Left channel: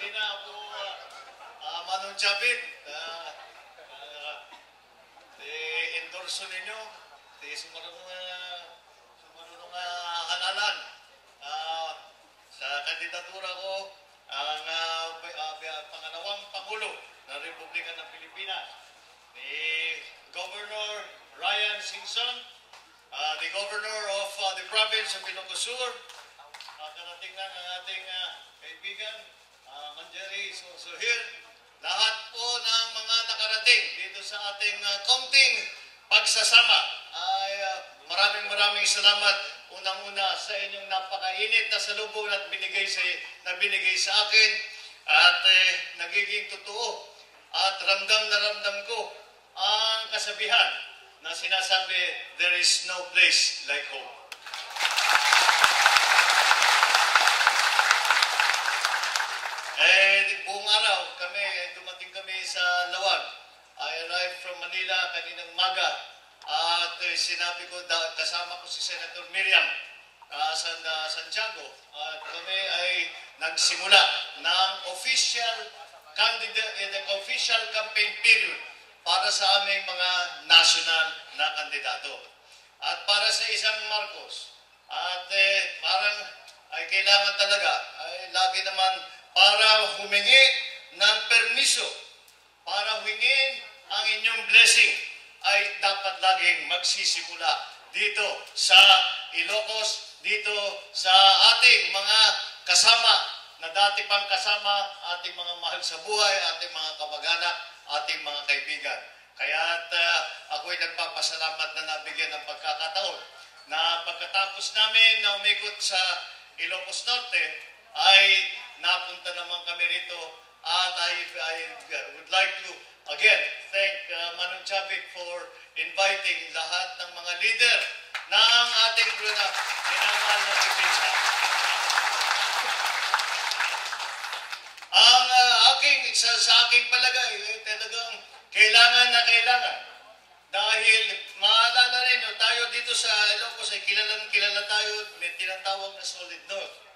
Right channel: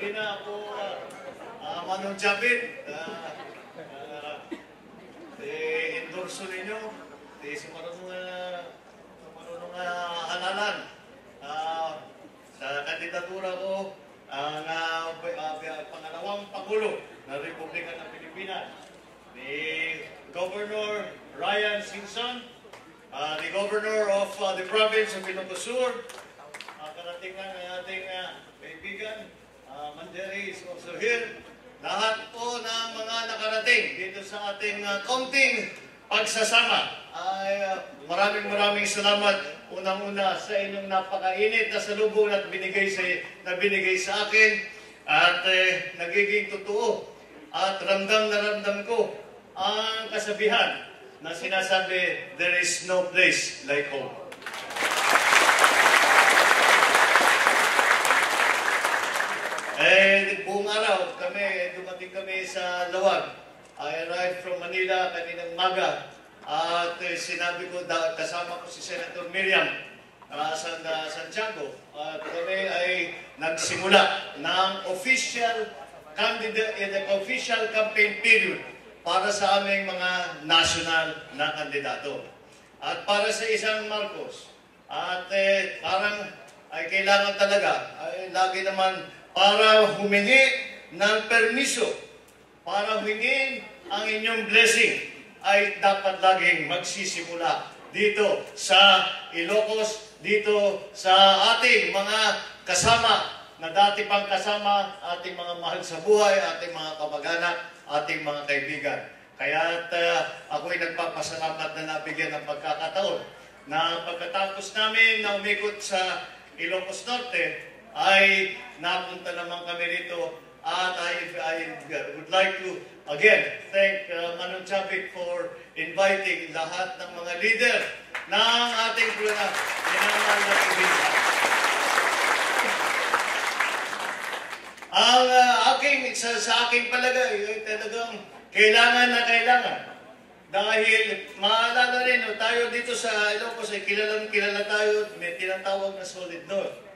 hindi na ako Manong Japit. Endorso ninyo. Sa marunong halalan. Sa kandidatura ko, ang pangalawang Pangulo ng Republika ng Pilipinas, ni Governor Ryan Singson, the Governor of the Province of Ilocos Sur, karating ng ating kaibigan, Manjeri is also here. Lahat po ng mga nakarating dito sa ating kaunting pagsasama ay maraming salamat unang-una sa inyong napakainit na salubong at binigay sa akin at nagiging totoo at ramdam na ramdam ko ang kasabihan na sinasabi, there is no place like home. Buong araw dumating kami sa Lawag. I arrived from Manila kaninang maga at sinabi ko, kasama ko si Senator Miriam Santiago at kami ay nagsimula ng official campaign period para sa aming mga national na kandidato. At para sa isang Marcos, at parang ay kailangan talaga, ay lagi naman para humingi ng permiso, para hingin ang inyong blessing, ay dapat laging magsisimula dito sa Ilocos, dito sa ating mga kasama na dati pang kasama, ating mga mahal sa buhay, ating mga kamag-anak, ating mga kaibigan. Kaya ako'y nagpapasalamat na nabigyan ng pagkakataon na pagkatapos namin na umikot sa Ilocos Norte, ay napunta naman kami rito at I would like to again thank Manong Japit for inviting lahat ng mga leader ng ating minamahal na probinsya. Ang sa aking palagay ay talagang kailangan na kailangan. Dahil maalala rin, tayo dito sa Ilocos ay kilala tayo, may tinatawag na Solid North.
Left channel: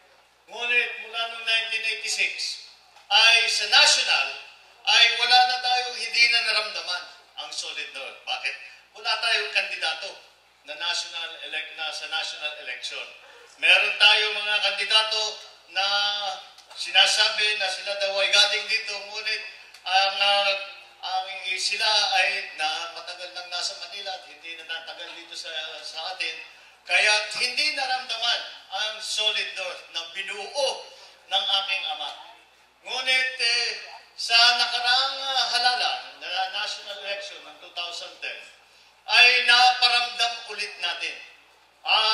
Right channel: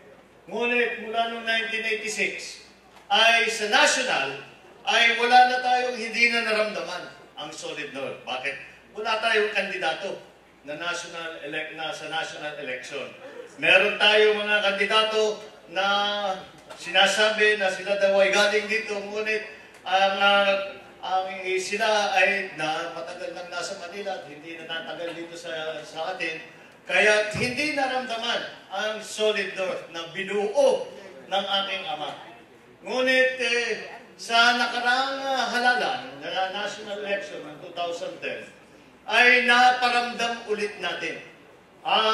Ngunit mula noong 1986 ay sa national ay wala na tayong hindi na naramdaman ang Solid North. Bakit? Wala tayong kandidato na sa national election. Meron tayong mga kandidato na sinasabi na sila daw ay galing dito, ngunit sila ay matagal nang nasa Manila at hindi na natagal dito sa atin. Kaya hindi naramdaman ang Solid North na binuo ng aking ama. Ngunit sa nakaraang halalan na national election ng 2010 ay naparamdam ulit natin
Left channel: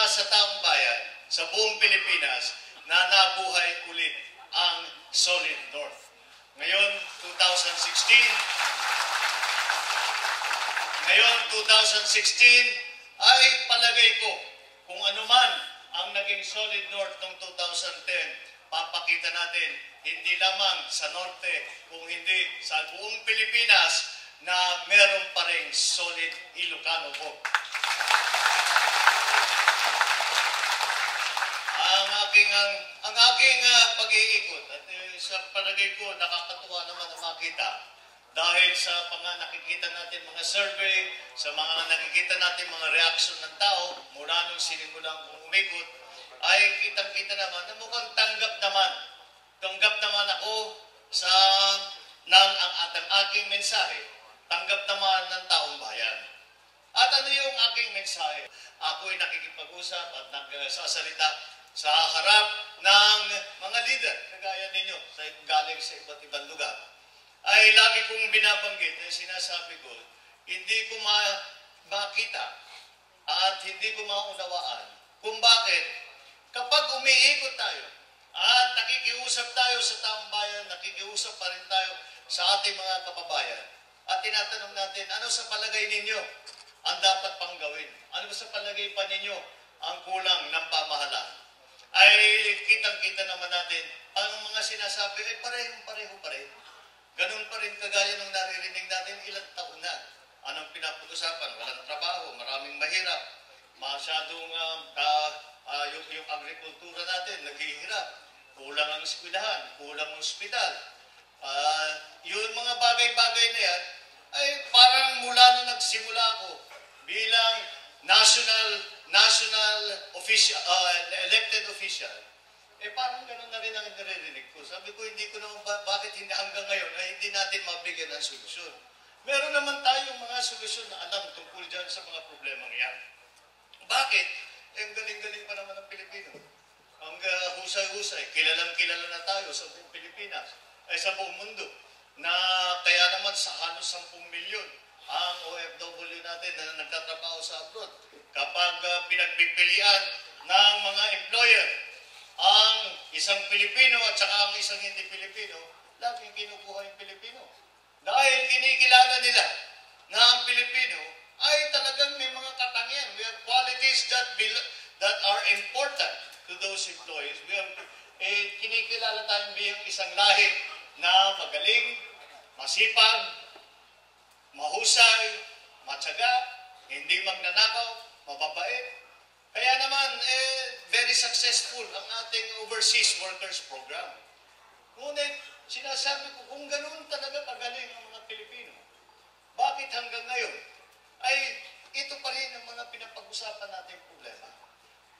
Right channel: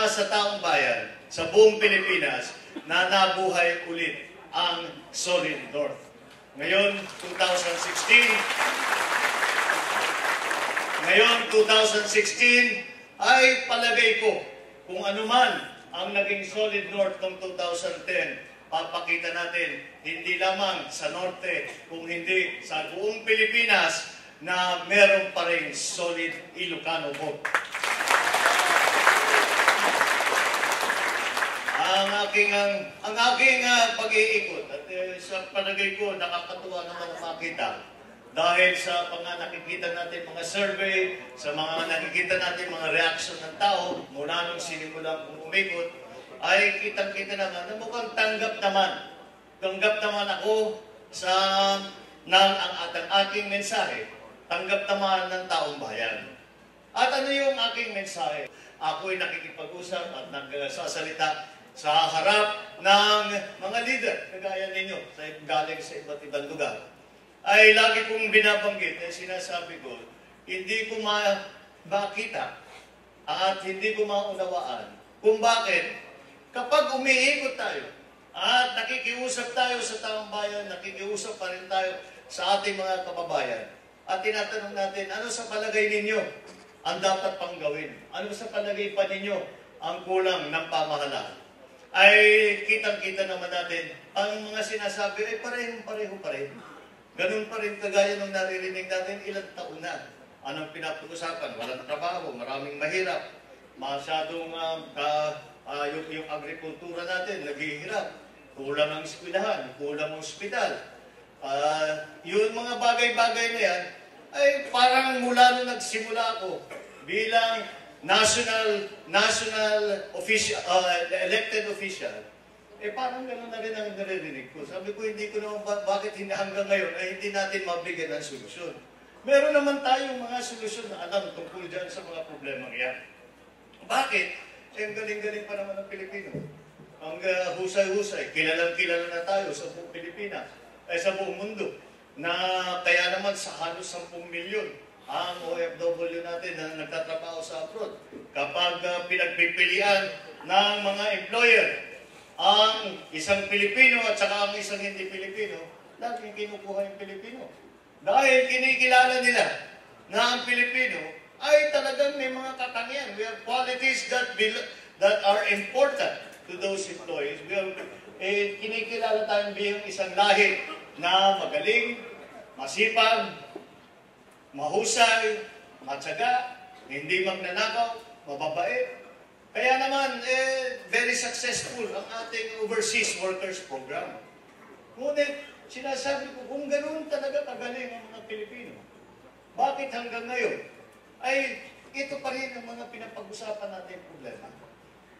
sa taong bayan, sa buong Pilipinas, na nabuhay ulit ang Solid North. Ngayon, 2016 ay palagay ko kung anuman ang naging Solid North ng 2010, papakita natin hindi lamang sa Norte, kung hindi sa buong Pilipinas na meron pa rin solid Ilocano vote. Ang aking pag-iikot at sa palagay ko nakakatuwa naman na makita dahil sa mga nakikita natin mga survey, sa mga nakikita natin mga reaction ng tao mula nung sinimulang umikot, ay kitang-kita naman na mukhang tanggap naman ako sa ang aking mensahe, tanggap naman ng taong bayan. At ano yung aking mensahe? Ako'y nakikipag-usap at nagsasalita sa harap ng mga leader, kagaya ninyo, galing sa iba't ibang lugar. Ay lagi kong binabanggit, sinasabi ko, hindi ko makita at hindi ko maunawaan kung bakit kapag umiikot tayo at nakikiusap tayo sa taong bayan, nakikiusap pa rin tayo sa ating mga kababayan at tinatanong natin, ano sa palagay ninyo ang dapat pang gawin? Ano sa palagay pa ninyo ang kulang ng pamahalaan? Ay kitang-kita naman natin, ang mga sinasabi ay pareho pa rin. Ganun pa rin kagaya ng naririnig natin ilang taon na. Anong pinapag-usapan? Walang trabaho, maraming mahirap, masyadong yung agrikultura natin naghihirap. kulang ang eskwelahan, kulang ang ospital. Yung mga bagay-bagay na yan, ay parang mula nung nagsimula ako bilang national official, elected official, parang gano'n na rin ang naririnig ko. Sabi ko, hindi ko naman, bakit hindi hanggang ngayon ay hindi natin mabigyan ng solusyon. Meron naman tayong mga solusyon na alam tungkol dyan sa mga problema yan. Bakit? Ang galing-galing pa naman ng Pilipino. Ang husay-husay, kilalang-kilala na tayo sa buong Pilipinas, sa buong mundo, na kaya naman sa halos 10 milyon ang OFW natin na nagtatrabaho sa abroad. Kapag pinagpipilian ng mga employer ang isang Pilipino at saka ang isang hindi Pilipino, laging kinukuha yung Pilipino. Dahil kinikilala nila na ang Pilipino ay talagang may mga katangian. We have qualities that are important to those employees. We have, kinikilala tayong bilang isang lahi na magaling, masipag, mahusay, matyaga, hindi magnanakaw, mababait. Kaya naman, very successful ang ating Overseas Workers Program. Ngunit, sinasabi ko, kung ganoon talaga kagaling ang mga Pilipino, bakit hanggang ngayon ay ito pa rin ang mga pinapag-usapan natin problema?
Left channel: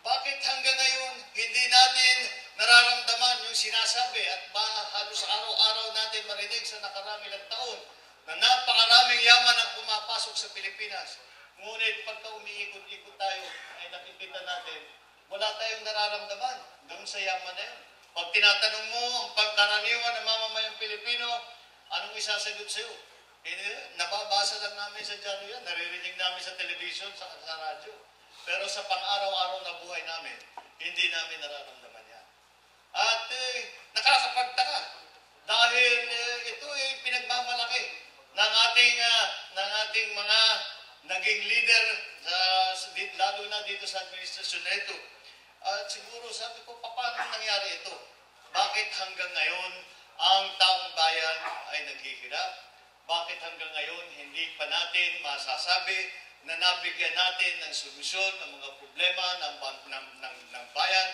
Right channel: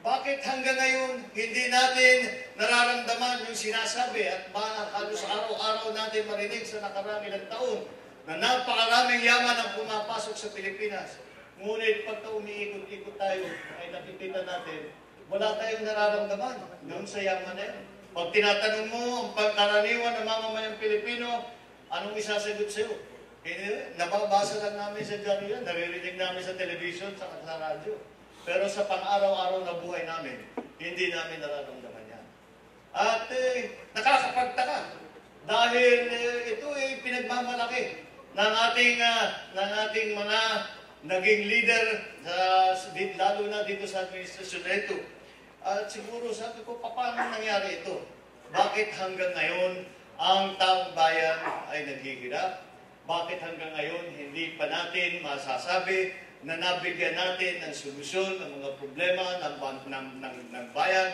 Bakit hanggang ngayon hindi natin nararamdaman yung sinasabi at halos araw-araw natin marinig sa nakarang ilang taon na napakaraming yaman ang pumapasok sa Pilipinas? Ngunit pagka umiikot-ikot tayo ay nakikita natin wala tayong nararamdaman doon sa yaman na yan. Pag tinatanong mo ang pagkaraniwan ng mamamayang Pilipino, anong isasagot sa'yo? Nababasa lang namin sa dyaryo yan, naririnig namin sa television, sa radyo. Pero sa pang-araw-araw na buhay namin, hindi namin nararamdaman yan. At nakakapagtaka dahil ito ay pinagmamalaki ng ating mga naging leader, lalo na dito sa administrasyon na ito. At siguro sabi ko, paano nangyari ito? Bakit hanggang ngayon ang taong bayan ay naghihirap? Bakit hanggang ngayon hindi pa natin masasabi na nabigyan natin ng solusyon ng mga problema ng bayan?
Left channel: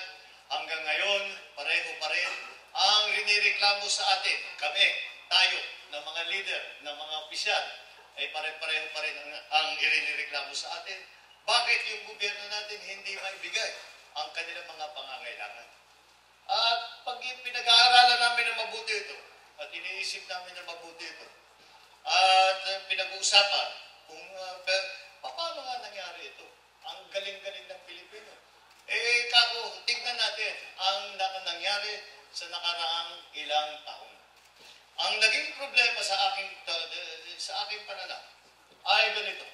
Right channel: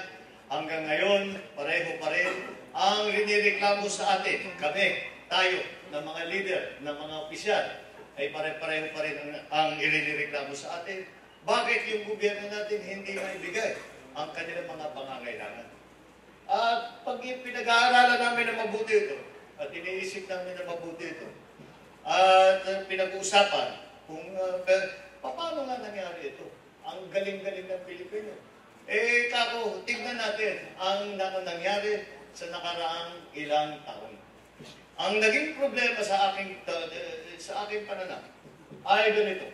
Hanggang ngayon, pareho pa rin ang rinireklamo sa atin. Kami, tayo, ng mga leader, ng mga opisyal, ay pare-pareho pa rin ang irinireklamo sa atin. Bakit yung gobyerno natin hindi maibigay ang kanilang mga pangangailangan? At pag pinag-aaralan namin na mabuti ito, at iniisip namin na mabuti ito, at pinag-uusapan kung paano nga nangyari ito? Ang galing-galing ng Pilipino. Kako, tignan natin ang nangyari sa nakaraang ilang taon. Ang naging problema sa aking pananaw ay ganito.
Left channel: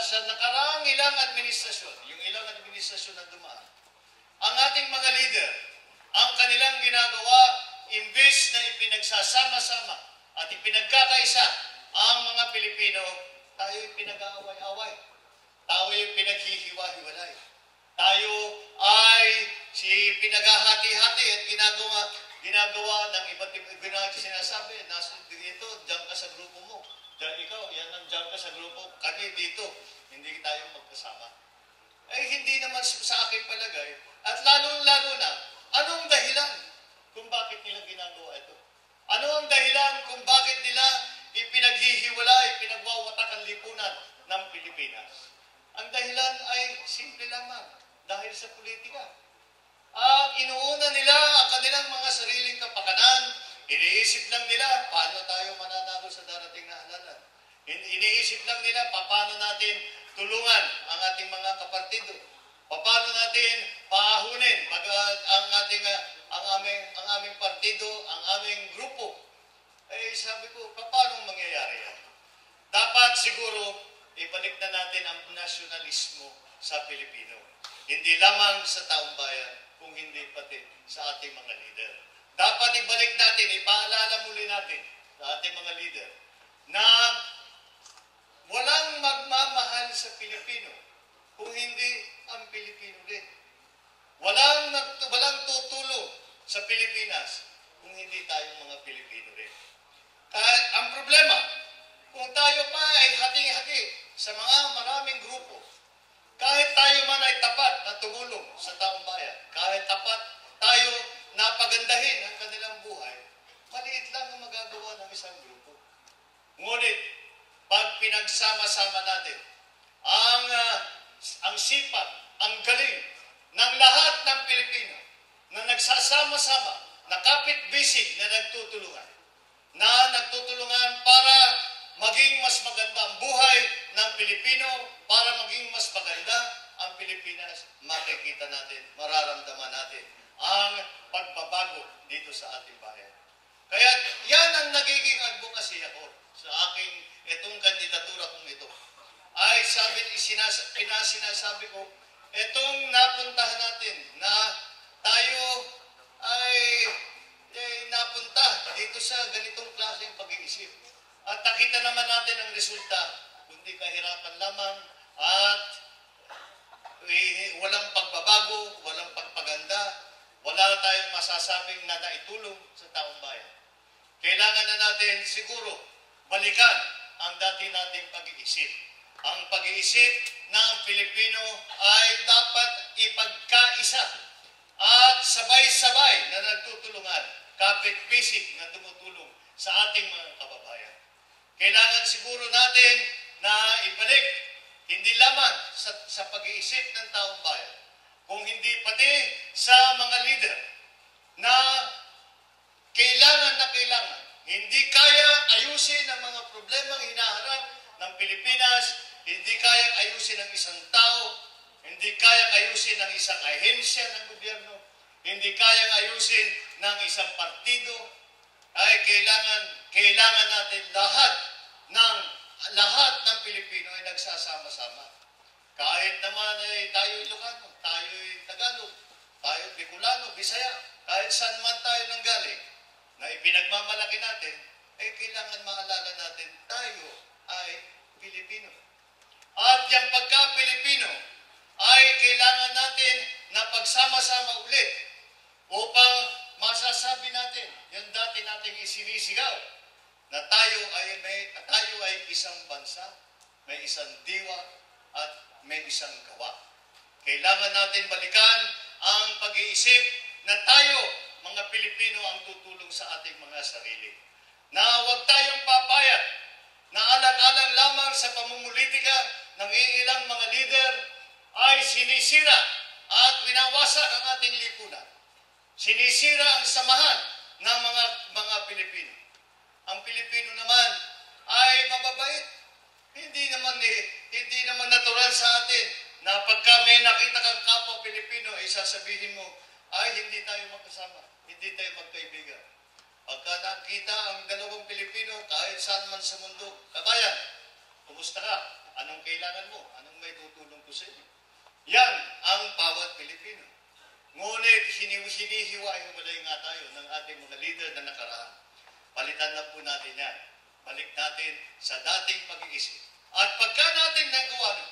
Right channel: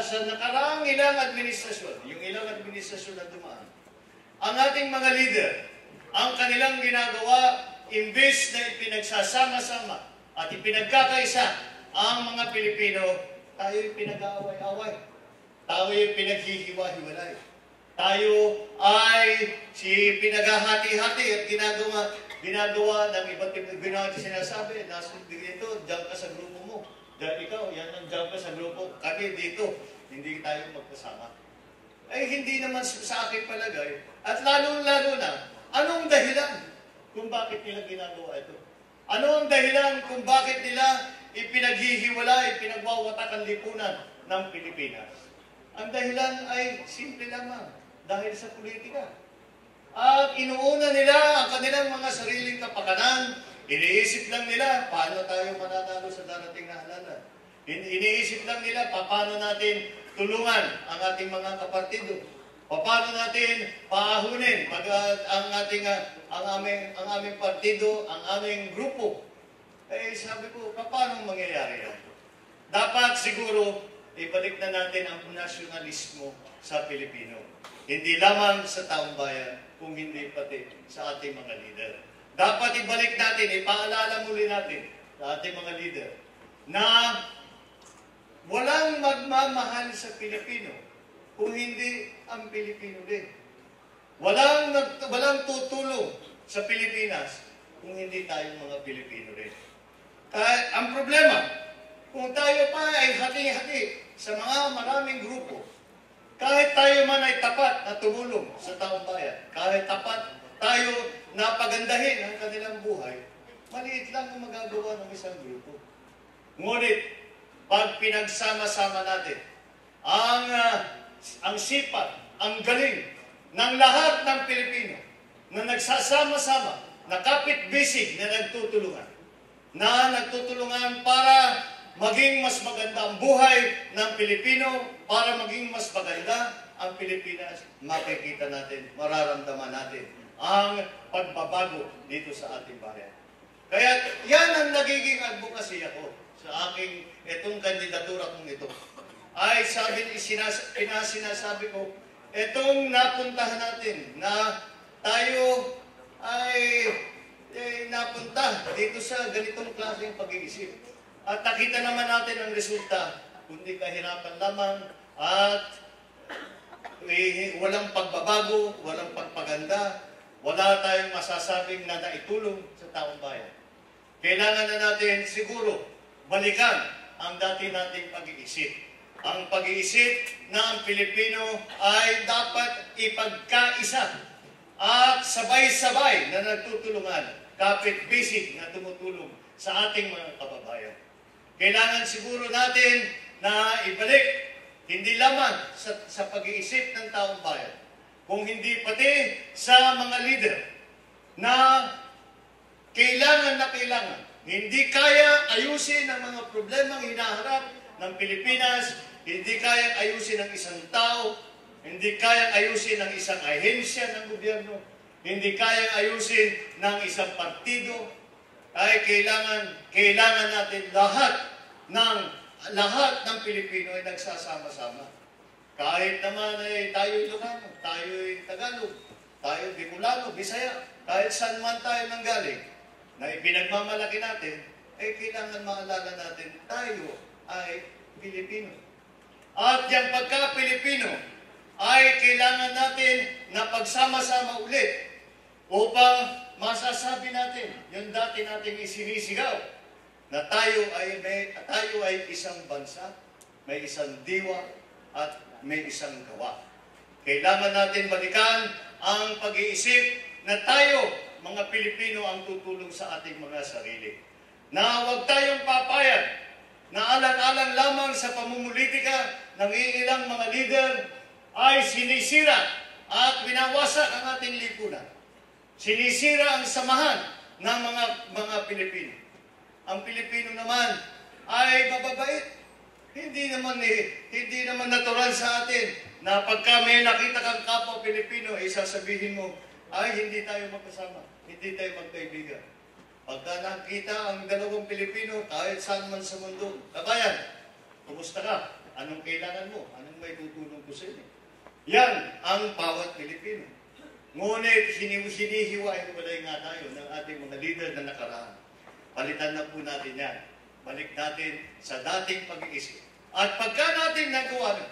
Sa nakaraang ilang administrasyon, yung ilang administrasyon na dumaan, ang ating mga leader, ang kanilang ginagawa, imbes na ipinagsasama-sama at ipinagkakaisa ang mga Pilipino, tayo'y pinag-aaway-away. Tayo'y pinaghihiwa-hiwalay. Tayo ay pinaghahati-hati at ginagawa ng iba't ibang sinasabi, dito, diyan ka sa grupo mo. Diyan ikaw, diyan ka sa grupo. Kami dito, hindi tayo magkasama. Hindi naman sa aking palagay. At lalo-lalo na, anong dahilan kung bakit nila ginagawa ito? Ano ang dahilan kung bakit nila ipinaghihiwalay, pinagwawatak ang lipunan ng Pilipinas? Ang dahilan ay simple lamang, dahil sa politika. At inuuna nila ang kanilang mga sariling kapakanan. Iniisip lang nila, paano tayo mananalo sa darating na halalan. Iniisip lang nila, paano natin tulungan ang ating mga kapartido. Paano natin paahunin ang aming partido, ang aming grupo. Sabi ko, paano mangyayari yan? Dapat siguro, ibalik na natin ang nasyonalismo sa Pilipino. Hindi lamang sa taong bayan, kung hindi pati sa ating mga leader. Dapat ibalik natin, ipaalala muli natin sa ating mga leader na walang magmamahal sa Pilipino kung hindi ang Pilipino din. Walang tutulong sa Pilipinas kung hindi tayong mga Pilipino rin. Ang problema, kung tayo pa ay hati-hati sa mga maraming grupo, kahit tayo man ay tapat na tumulong sa taong bayan, kahit tapat tayo na pagandahin ang kanilang buhay, maliit lang ang magagawa ng isang grupo. Ngunit, pag pinagsama-sama natin, ang sipag, ang galing ng lahat ng Pilipino na nagsasama-sama, na kapit-bisig na nagtutulungan para maging mas maganda ang buhay ng Pilipino, para maging mas maganda ang Pilipinas, makikita natin, mararamdaman natin ang pagbabago dito sa ating bayan. Kaya yan ang nagiging advocacy ako sa aking itong kandidatura kong ito. Ay sinasabi ko, itong napuntahan natin na tayo ay napunta dito sa ganitong klaseng pag-iisip. At nakita naman natin ang resulta, kundi kahirapan lamang at walang pagbabago, walang pagpaganda, wala tayong masasabing na naitulong sa taong bayan. Kailangan na natin siguro balikan ang dati nating pag-iisip. Ang pag-iisip na ang Pilipino ay dapat ipagkaisa at sabay-sabay na nagtutulungan, kapit-bisig na tumutulong sa ating mga kababayan. Kailangan siguro natin na ibalik, hindi lamang sa pag-iisip ng taong bayan, kung hindi pati sa mga leader na kailangan, hindi kaya ayusin ang mga problemang hinaharap ng Pilipinas, hindi kayang ayusin ng isang tao, hindi kayang ayusin ng isang ahensya ng gobyerno, hindi kayang ayusin ng isang partido, ay kailangan natin lahat ng Pilipino ay nagsasama-sama. Kahit naman ay tayo Ilocano, tayo Tagalog, tayo Bicolano, Bisaya, kahit saan man tayo nanggaling, na ipinagmamalaki natin, kailangan maalala natin, tayo ay Pilipino. At yung pagka-Pilipino ay kailangan natin na pagsama-sama ulit upang masasabi natin yung dati nating isinisigaw na tayo ay isang bansa, may isang diwa at may isang gawa. Kailangan natin balikan ang pag-iisip na tayo, mga Pilipino, ang tutulong sa ating mga sarili. Na huwag tayong papayag na alang-alang lamang sa pamumulitika ng ilang mga leader ay sinisira at winawasak ang ating lipunan. Sinisira ang samahan ng mga Pilipino. Ang Pilipino naman ay mababait. Hindi naman natural sa atin na pagka may nakita kang kapwa Pilipino, sasabihin mo, ay hindi tayo magkasama, hindi tayo magkaibigan. Pagka nakita ang dalawang Pilipino, kahit saan man sa mundo, kabayan, kumusta ka? Anong kailangan mo? Anong may tutulong ko sa inyo? Yan ang bawat Pilipino. Ngunit hinihiwa-hiwalay nga tayo ng ating mga leader na nakaraan. Palitan na po natin yan. Balik natin sa dating pag-iisip. At pagka natin nagawa na,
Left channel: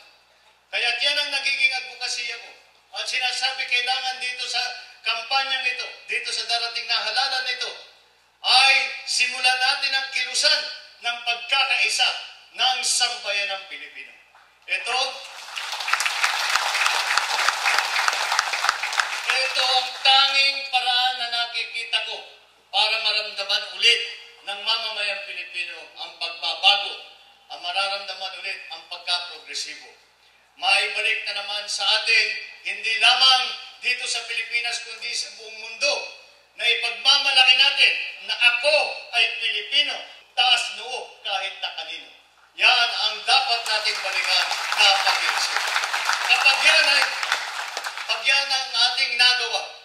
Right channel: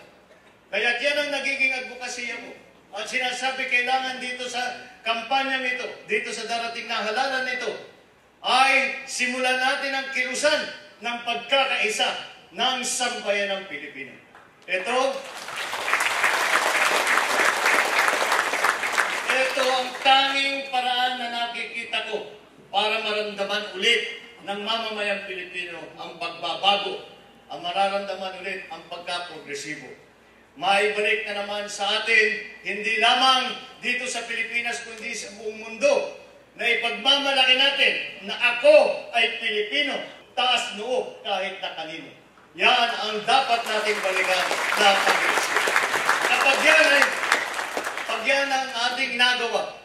kaya yan ang nagiging advokasya mo. At sinasabi kailangan dito sa kampanyang ito, dito sa darating na halalan nito, ay simulan natin ang kilusan ng pagkakaisa ng sambayan ng Pilipino. Ito ang tanging paraan na nakikita ko para maramdaman ulit ng mamamayang Pilipino ang pagbabago, ang mararamdaman ulit ang pagka-progresibo. Maibalik na naman sa atin, hindi lamang dito sa Pilipinas, kundi sa buong mundo, na ipagmamalaki natin na ako ay Pilipino, taas noo kahit na kanino. Yan ang dapat nating balikan na pag-iisip. Kapag yan ang ating nagawa,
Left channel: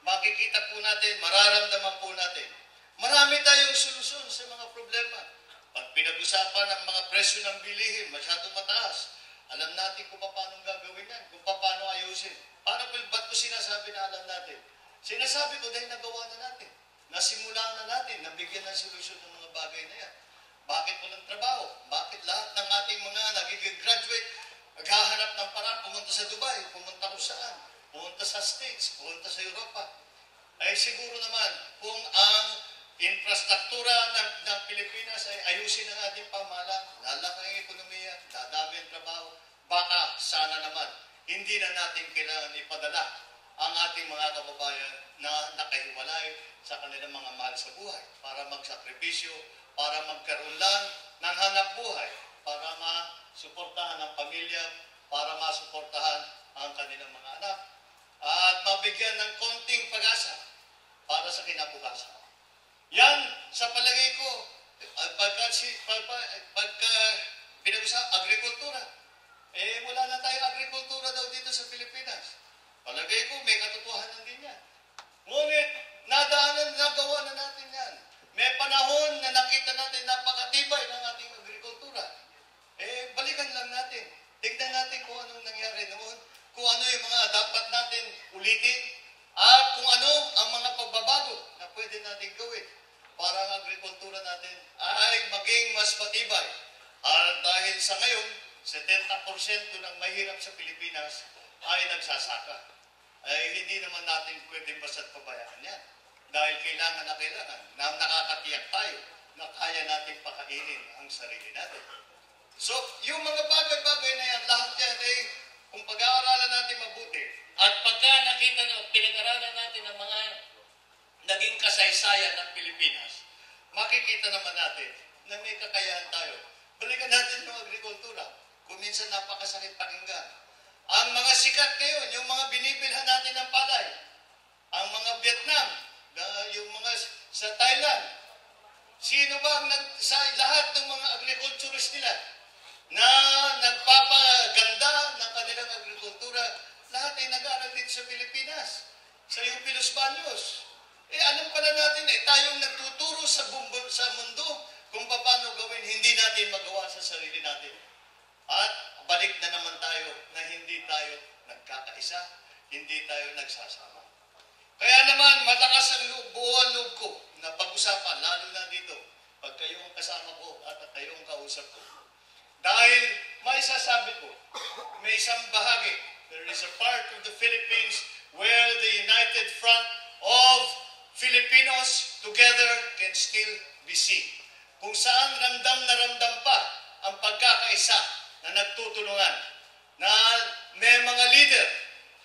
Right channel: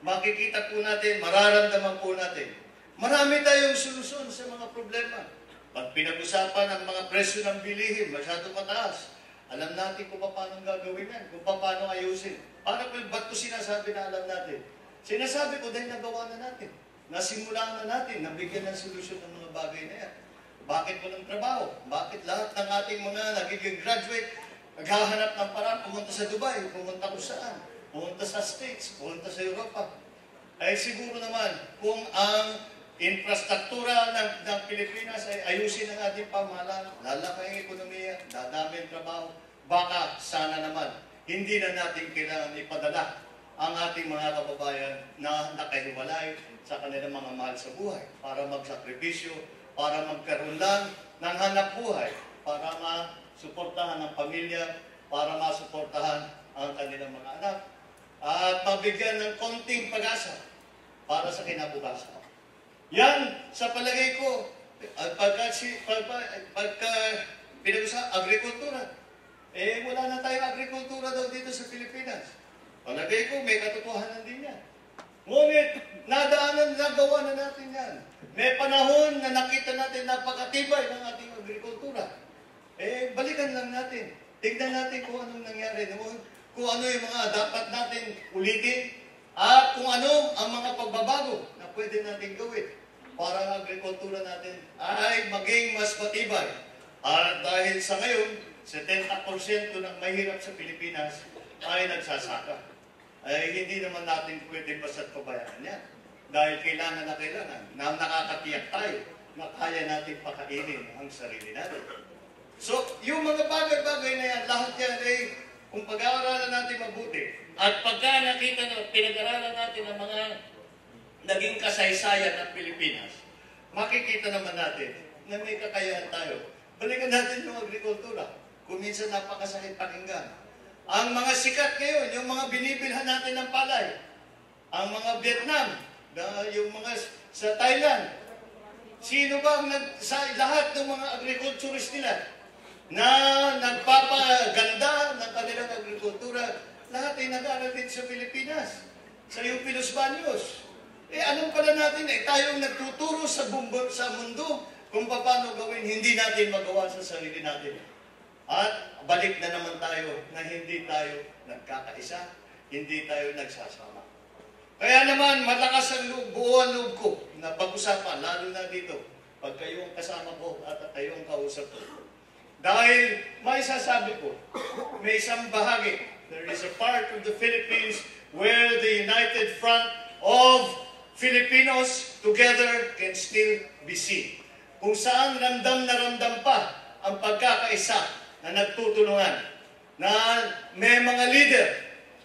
makikita po natin, mararamdaman po natin, marami tayong solusyon sa mga problema. Pag pinag-usapan ang mga presyo ng bilihin, masyadong mataas, alam natin kung paano gagawin yan, kung paano ayusin. Ba't ko sinasabi na alam natin? Sinasabi ko dahil nagawa na natin. Nasimulan na natin, nabigyan ng solusyon ng mga bagay na yan. Bakit walang trabaho? Bakit lahat ng ating mga nagiging graduate, maghahanap ng paraan, pumunta sa Dubai, pumunta kung saan, pumunta sa States, pumunta sa Europa. Ay siguro naman, kung ang infrastruktura ng Pilipinas ay ayusin ang ating pamahalaan, lalaki ang ekonomiya, dadami ang trabaho, baka sana naman, hindi na natin kailangan ipadala ang ating mga kababayan na nakahiwalay sa kanilang mga mahal sa buhay para magsakripisyo, para magkaroon lang ng hanap buhay, para masuportahan ang pamilya, para masuportahan ang kanilang mga anak, at mabigyan ng konting pag-asa para sa kinabukasan. Yan, sa palagay ko, pagka agrikultura, wala na tayong agrikultura daw dito sa Pilipinas. Palagay ko, may katotohanan din yan. Ngunit, nagawa na natin yan. May panahon na nakita natin napakatibay ng ating agrikultura. Balikan lang natin. Tignan natin kung anong nangyari noon, kung ano yung mga dapat natin ulitin, at kung ano ang mga pagbabago na pwede natin gawin para ang agrikultura natin ay maging mas matibay. At dahil sa ngayon, 70% ng mahirap sa Pilipinas ay nagsasaka. Hindi naman natin pwede basta't pabayaan yan. Dahil kailangan na nakakatiyak tayo na kaya natin pakainin ang sarili natin. So, yung mga bagay-bagay na yan, lahat yan ay kung pag-aaralan natin mabuti, at pagka nakita na pinag-aralan natin ang mga naging kasaysayan ng Pilipinas, makikita naman natin na may kakayahan tayo. Balikan natin yung agrikultura. Kung minsan napakasakit pakinggan. Ang mga sikat ngayon, yung mga binibilhan natin ng palay, ang mga Vietnam, yung mga sa Thailand, sino ba ang sa lahat ng mga agriculturist nila na nagpapaganda ng kanilang agrikultura, lahat ay nag-aaral din sa Pilipinas, sa UP Los Baños. Anong pala natin? Tayong nagtuturo sa mundo kung paano gawin, hindi natin magawa sa sarili natin. At balik na naman tayo na hindi tayo nagkakaisa, hindi tayo nagsasama. Kaya naman, malakas ang buuan loob ko na pag-usapan, lalo na dito, pag kayo ang kasama ko at kayo ang kausap ko. Dahil may sasabi ko, may isang bahagi, there is a part of the Philippines where the united front of Filipinos together can still be seen. Kung saan ramdam na ramdam pa ang pagkakaisa na nagtutulungan, na may mga leader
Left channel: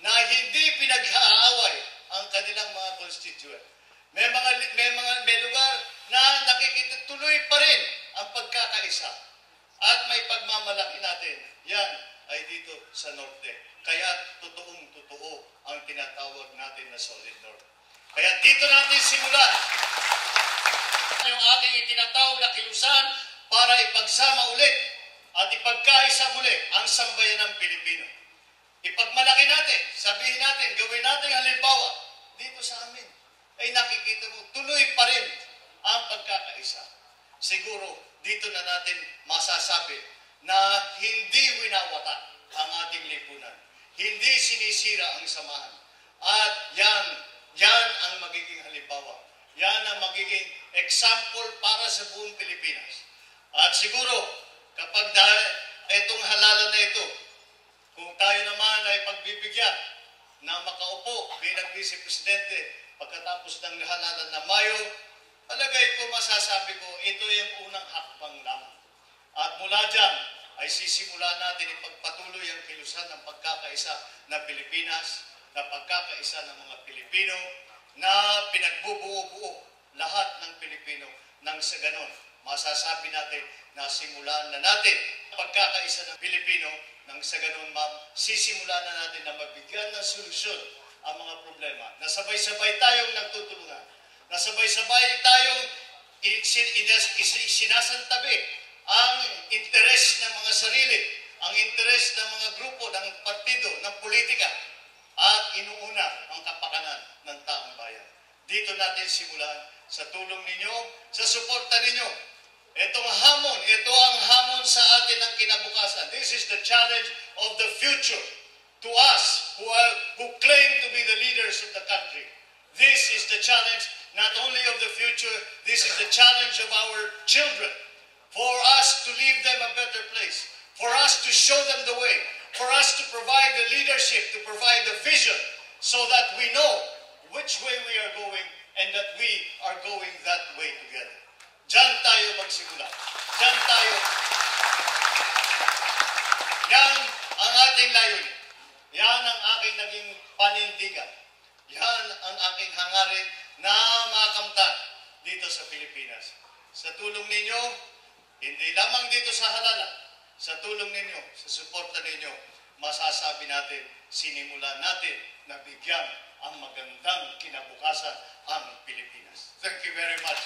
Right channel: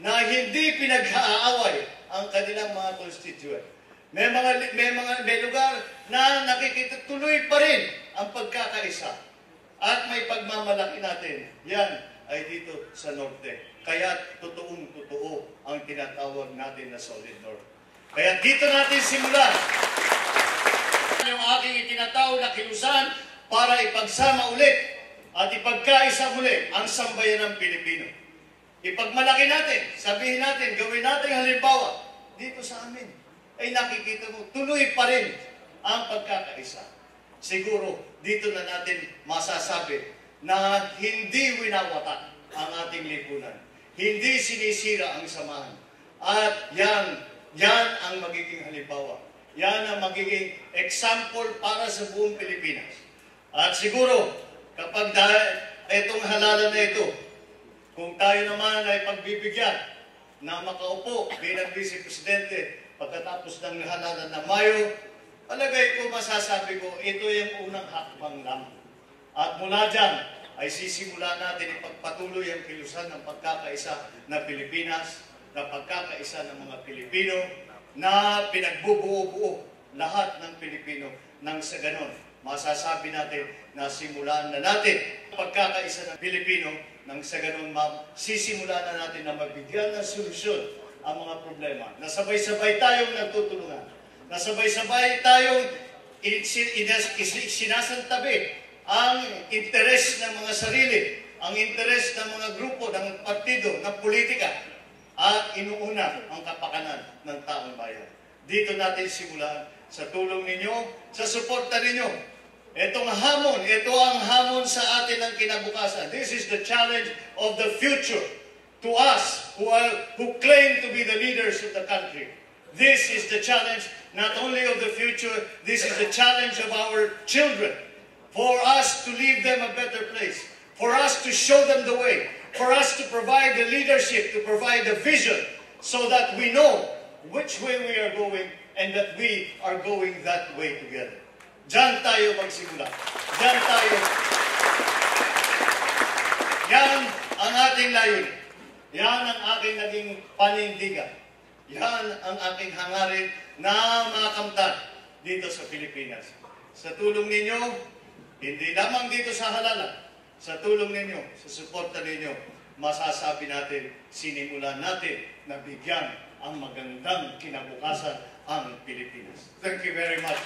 na hindi pinag-aaway ang kanilang mga constituent. May lugar na nakikita tuloy pa rin ang pagkakaisa. At may pagmamalaki natin. Yan ay dito sa Norte. Kaya totoong-totoo ang tinatawag natin na Solid North. Kaya dito natin simulan yung aking itinatawag na kilusan para ipagsama ulit at ipagkaisa muli ang sambayan ng Pilipino. Ipagmalaki natin, sabihin natin, gawin natin halimbawa dito sa amin. Ay nakikita mo, tuloy pa rin ang pagkakaisa. Siguro, dito na natin masasabi na hindi winawatak ang ating lipunan. Hindi sinisira ang samahan. At yan ang magiging halimbawa. Yan ang magiging example para sa buong Pilipinas. At siguro, kapag itong halalan na ito, kung tayo naman ay pagbibigyan na makaupo bilang Vice Presidente pagkatapos ng halalan na Mayo, palagay ko, masasabi ko, ito yung unang hakbang lamang. At mula dyan, ay sisimula natin ipagpatuloy ang kilusan ng pagkakaisa na Pilipinas, na pagkakaisa ng mga Pilipino, na pinagbubuo-buo lahat ng Pilipino nang sa ganon. Masasabi natin na simulan na natin pagkakaisa ng Pilipino nang sa ganon, sisimula na natin na mabigyan ng solusyon ang mga problema. Nasabay-sabay tayong nagtutulungan. Nasabay-sabay tayong sinasantabi ang interes ng mga sarili, ang interes ng mga grupo, ng partido, ng politika, at inuuna ang kapakanan ng taong bayan. Dito natin simulan sa tulong ninyo, sa suporta ninyo. Itong hamon, ito ang hamon sa atin ng kinabukasan. This is the challenge of the future to us who claim to be the leaders of the country. This is the challenge not only of the future, this is the challenge of our children. For us to leave them a better place. For us to show them the way. For us to provide the leadership, to provide the vision, so that we know which way we are going and that we are going that way together. Diyan tayo magsimula. Diyan tayo. Yan ang ating layunin. Yan ang aking naging panindigan. Yan ang aking hangarin na makamtan dito sa Pilipinas. Sa tulong ninyo, hindi lamang dito sa halalan, sa tulong ninyo, sa suporta ninyo, masasabi natin, sinimulan natin na bigyan ang magandang kinabukasan ang Pilipinas. Thank you very much.